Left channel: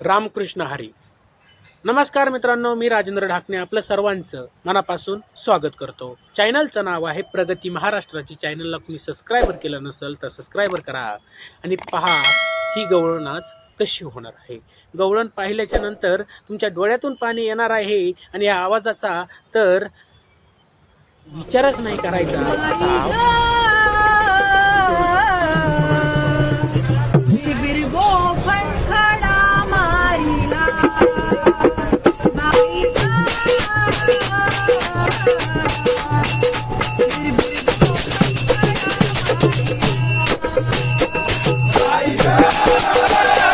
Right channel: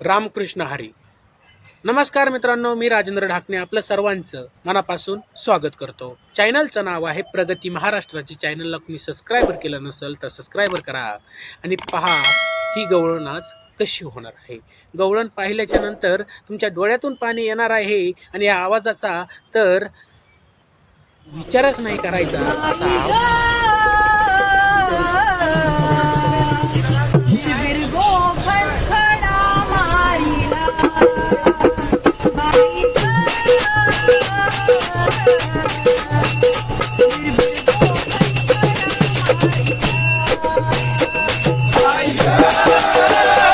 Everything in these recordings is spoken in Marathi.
रामकृष्ण हरी. नमस्कार मित्रांनो मी राजेंद्र ढाकणे आपलं सर्वांचं मनापासून स्वागत करतो. चॅनलचं नाव आहे प्रगती महाराष्ट्राची. चॅनलला तुम्ही सबस्क्रायबर केलं नसेल तर सबस्क्रायबर करा आणि पहा ही गवळण आज कशी होणार आहे? गवळण पाहिल्याच्या नंतर तुमच्या डोळ्यातून पाणी येणार आहे आणि या आवाजाचा तर विचारच नाही करायचा. असा Música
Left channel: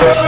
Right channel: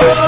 Oh,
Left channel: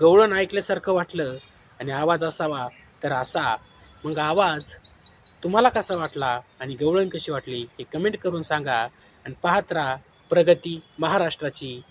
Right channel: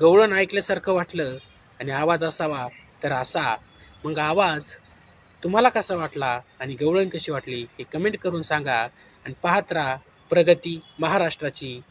गवळण ऐकल्यासारखं वाटलं आणि आवाज असावा तर असा. मग आवाज तुम्हाला कसा वाटला आणि गवळण कशी वाटली हे कमेंट करून सांगा आणि पाहत राहा प्रगती महाराष्ट्राची.